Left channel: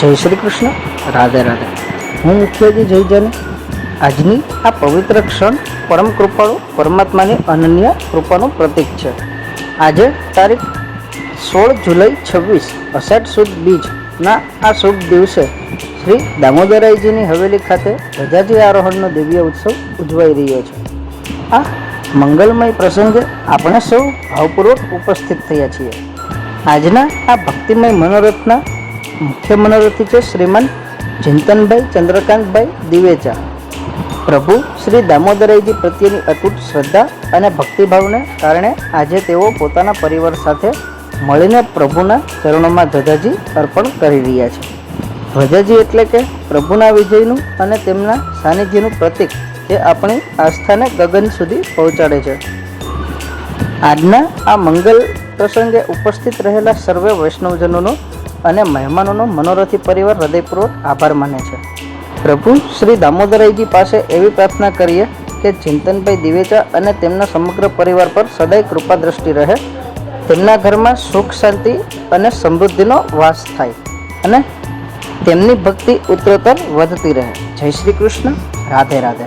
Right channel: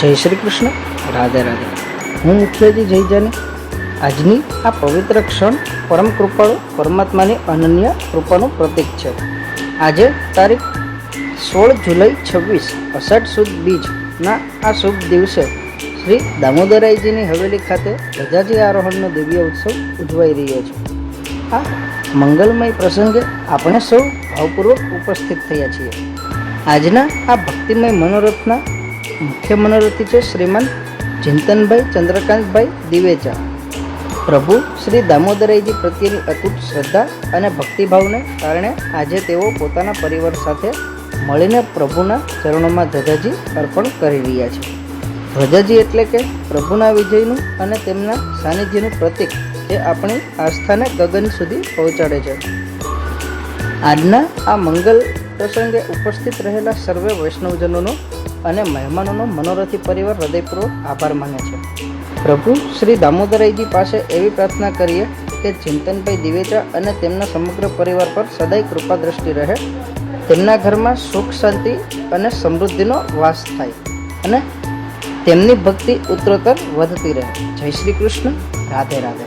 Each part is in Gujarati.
જય શ્રી કૃષ્ણ, રાધે રાધે. હું મુખ્યજી જય જાની. આજની આ પવિત્ર ક્ષણ પરમ કૃપાળુ પરમાત્માની અનન્ય કૃપાનું પ્રતીક છે. આજે તારીખ 16 જુલાઈ 26 અષાઢ સુદ બીજના આ શુભ દિવસે શ્રી દામોદરાયજીની હવેલી ખાતે ધજાજી આરોહણનો દિવ્ય ઉત્સવ ઉજવાઈ રહ્યો છે. આ મંગલમય પ્રસંગે આપણે સૌ ભાવપૂર્વક ઉપસ્થિત થયા છીએ. આજના આ ભક્તિમય મનોરથના મુખ્ય મનોરથી છે શ્રીમાન ચિંતનભાઈ ચંદ્રકાંતભાઈ દિવેચા. પ્રભુ શ્રી દામોદરાયજી પ્રત્યેની અતૂટ શ્રદ્ધા અને ભક્તિભાવને કારણે આજે તેઓ પોતાના પરિવાર સાથે મળીને પ્રભુના ચરણોમાં ધજાજી અર્પણ કરી રહ્યા છે. ધ્વજાજી એટલે કે પ્રભુના વિજયનું અને તેમના સાનિધ્યનું પ્રતીક, જે આપણી આસ્થાને ગગન સુધી પહોંચાડે છે. આજના આ મંગલ પ્રસંગે ઉપસ્થિત રહેલા સર્વે વૈષ્ણવજનોનો અને મહેમાનોનો મનોરથી પરિવાર હૃદયપૂર્વક આભાર માને છે. પ્રભુ શ્રી દામોદરાયજી પાસે એવી પ્રાર્થના કરીએ કે ચિંતનભાઈ દિવેચા અને તેમના સમગ્ર પરિવાર પર સદાય કૃપા દ્રષ્ટિ રહે, તેમના ઘરમાં સુખ શાંતિ અને સમૃદ્ધિનો વાસ થાય અને તેમની ભક્તિ ઉત્તરોત્તર વધતી રહે. જય શ્રી કૃષ્ણ, રાધે રાધે.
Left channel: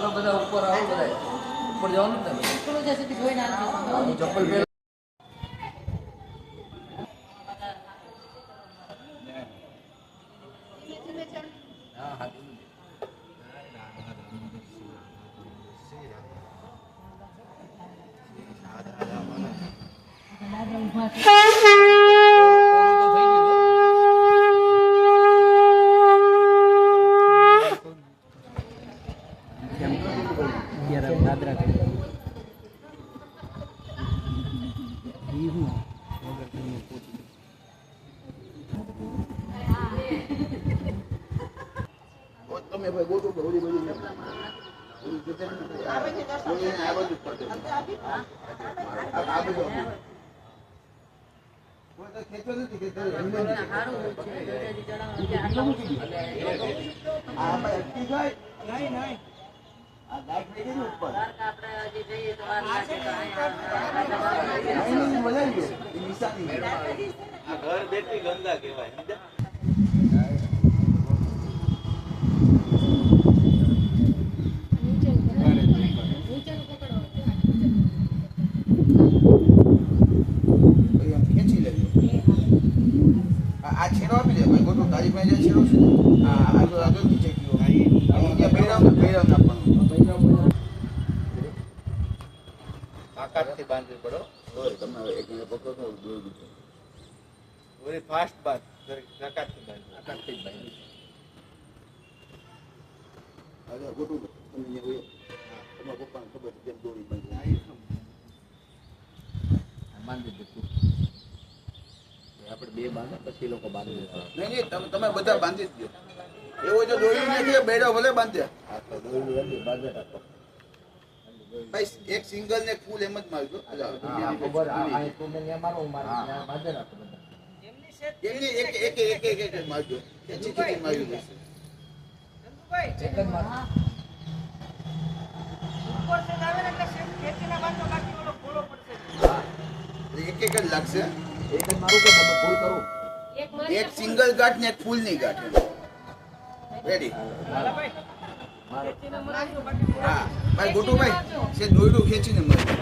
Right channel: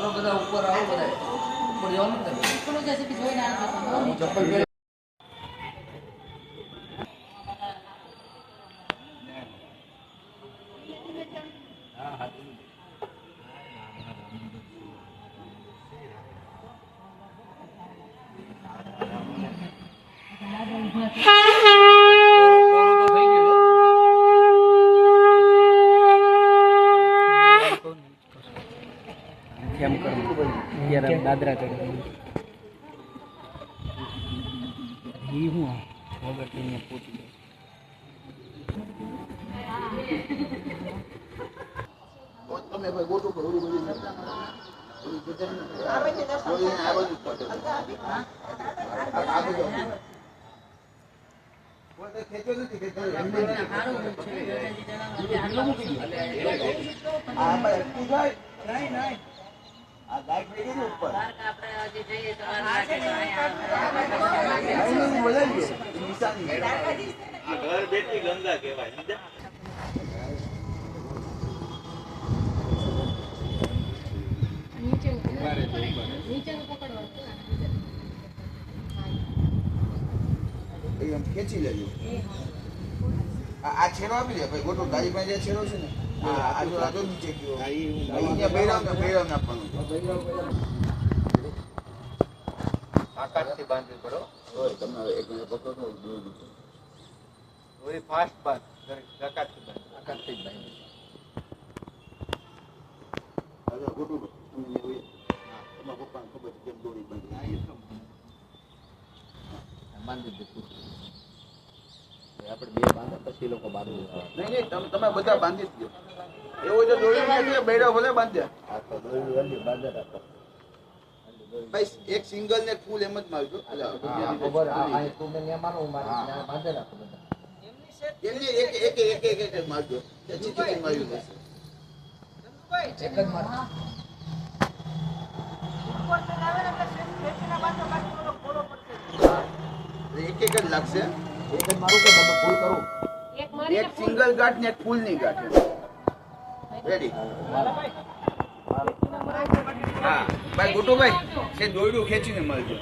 હાલો બધા ઉપર આવો બધા ઉપર જવાનું ને હું ચપ્પલ પહેર બાદરા કરી તમે ભાઈ ગોતું કરો ઓલી બધી આ બધું ખેંચો નથી આ ગાય પડી ગઈ ઉપર નિશાની આ ઘર બેઠી ગંગા કહેવાય ખેંચી લેજો આ છેડો આપી દે ભાઈ ગોટો તારી પાસે જે છેડો છે આ આજો નીચે ગયો અહીંયા ભૈરવ નાખવાનું તાકાતથી બાંધવી પડો તમે એક મિનિટ પકડો તો દોરી દીધો દોરી ફાસ્ટ બાંધ તાકાતથી બાંધ તાકાતથી બાંધ આજો ગોટો તમે તમારા પપ્પાને ખબર છે કેમ દોરી બાંધી બાંધી દીધું આપણે બે બાંધા પછી લોકો બાંધી દેતા નહીં તમે બધા બાંધી જ દો એવો જો દોરી નથી બેડો ભલે બાંધ્યા હા તો દોરી વલ્લી બાંધે રાખો ભાઈ એક સિંગલ ને ફૂલ એમ જ મારજો હા ખબર આ તું ને મારો હું મારી બાંધે રાખો બધા એમની એક મારજો ખેંચી ખેંચી માર્યું દેશે એક જ માર એક જ લાગશે એક જ મારું કે તમે ફૂલ કરું એક સિંગલ ગાંઠ ને એક ફૂલ ની ગાંઠ રેડી હા ભાઈ ગોટુ ભાઈ છે દોરડું ખેંચીને મારી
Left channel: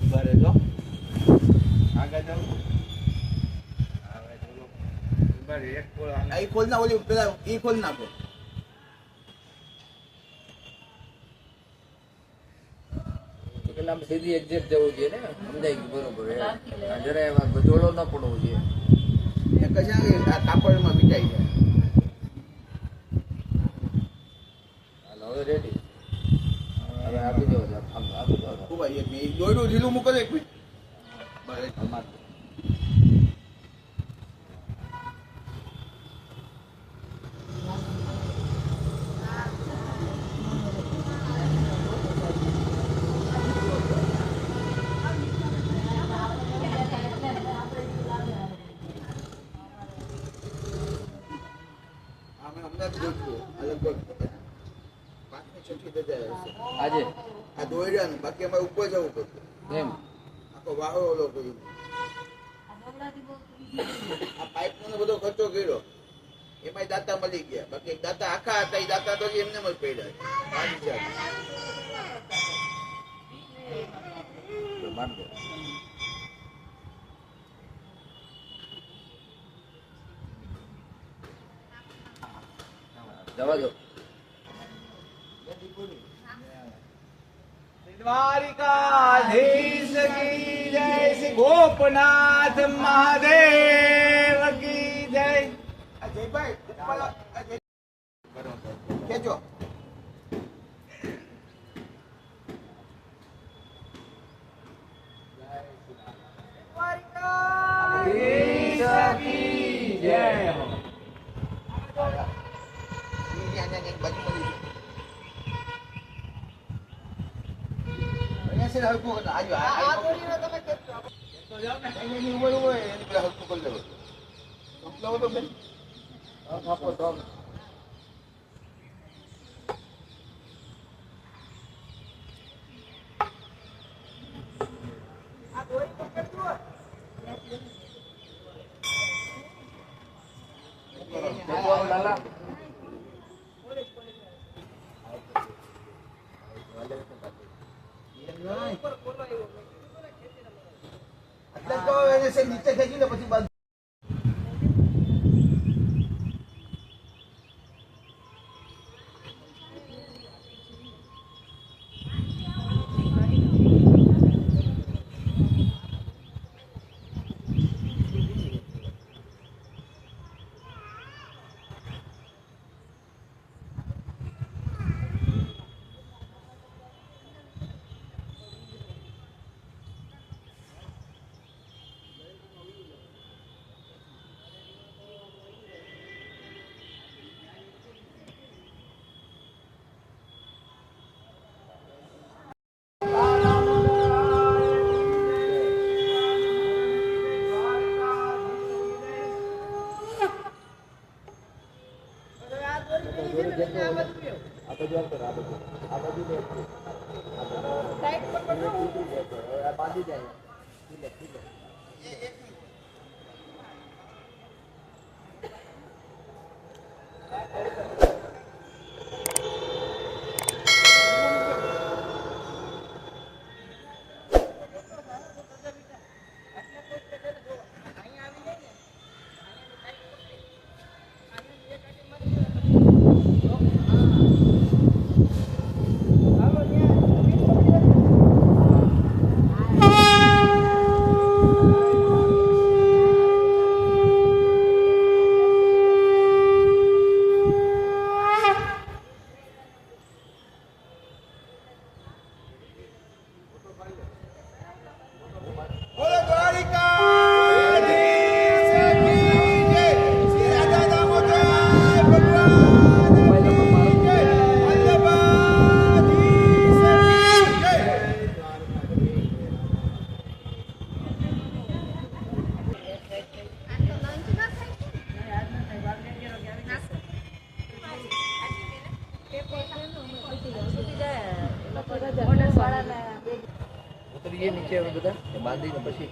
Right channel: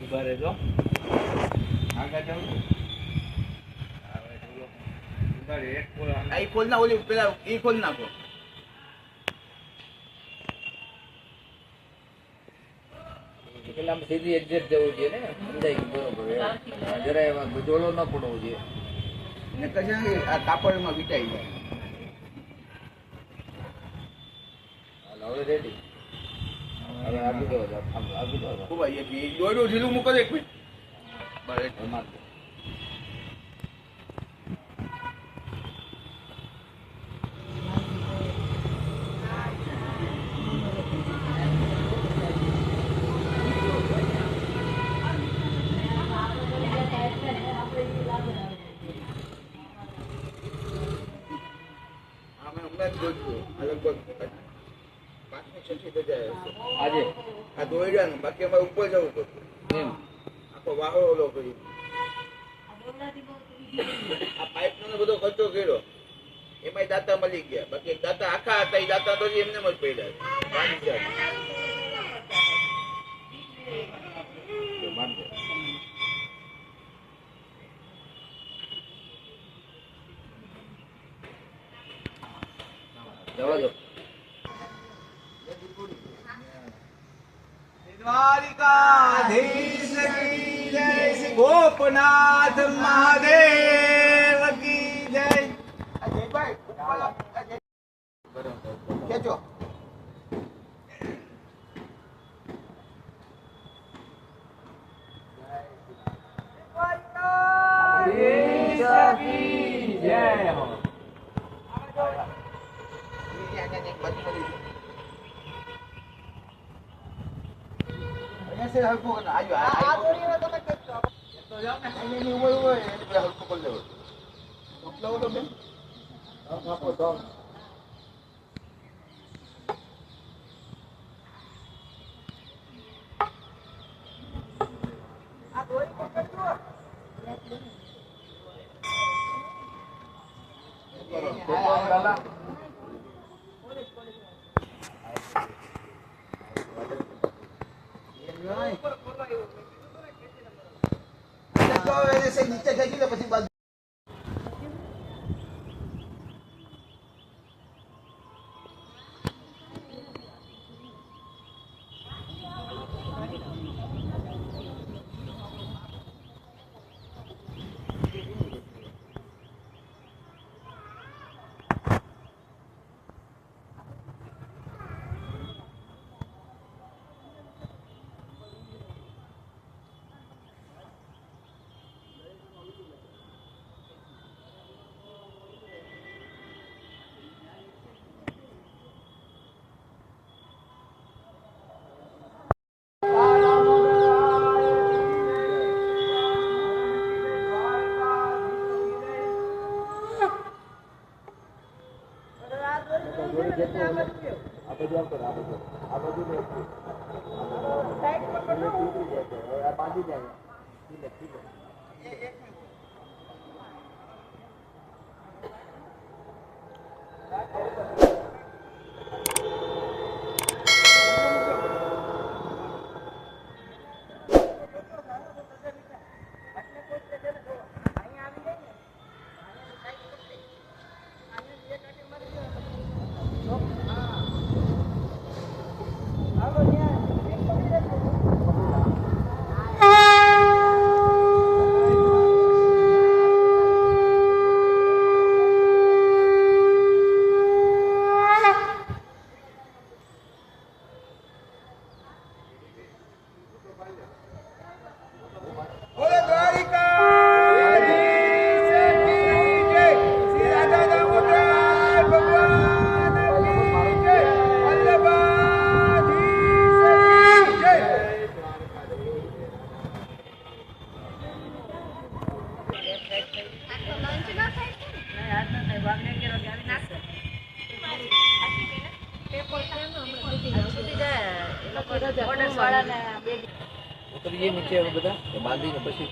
ઉભા રહેજો આગળ જાવ હવે બોલો ઉભા રે એક ખોલ આ ખોલ ના ઓલી પેલા ઈ ખોલ નાખો પેલા સીધી એક્ઝેક્ટ જવું જોઈએ ને સમજાય ગયું બરોબર જરાય એમાં ગજોળો ન પડવો જોઈએ ને કશા આ કાપડમાં વિટાઈ જાય હાલો હવે રેડી હવે આપી દો આપી દો ખૂબ ભાઈ એક દોડું ઢીલું મૂકો એક મિનિટ બસ માર આજે આ દોડ્યાનું બાકી અમારે ઉપર જવું પડતું એમ આખો વાહો ઓલો કરી આ પાઇપ નો બધો ખર્ચો કર્યો એમાં દાતા મળી ગયા બાકી એક દાતા આખા હતા એ દાતા તો એમને જ પડ્યા જવા દો દ્વારિકાધીશ કી જય શ્રી ગોપનાથ મહાદેવ કી જય અજયભાઈ કેજો દ્વારિકાધીશ કી જય હો से हल्को करना आज आ बोली में તમે કેટલો તો જાવ ને નહીં હોય એટલે પેલા હલ્કો કરી લેવો સંપલાવો તો બેન આપો તો આ દોરી પકડ દો લાલા એ નીચે ખેંચી લે પછી બાજુ ઉતરીએ નીચે હવે બધા બાંધીને પછી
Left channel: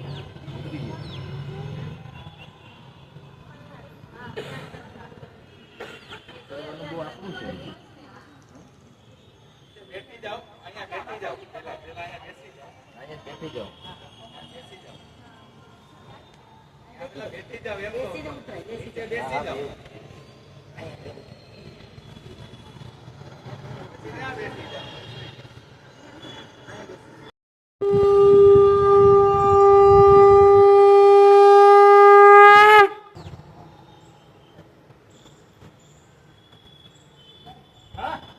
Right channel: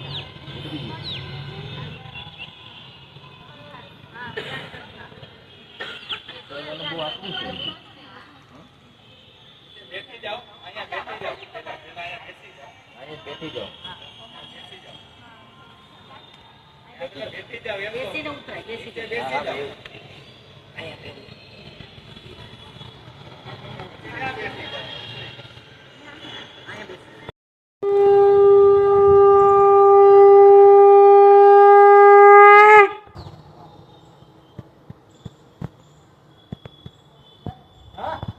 હા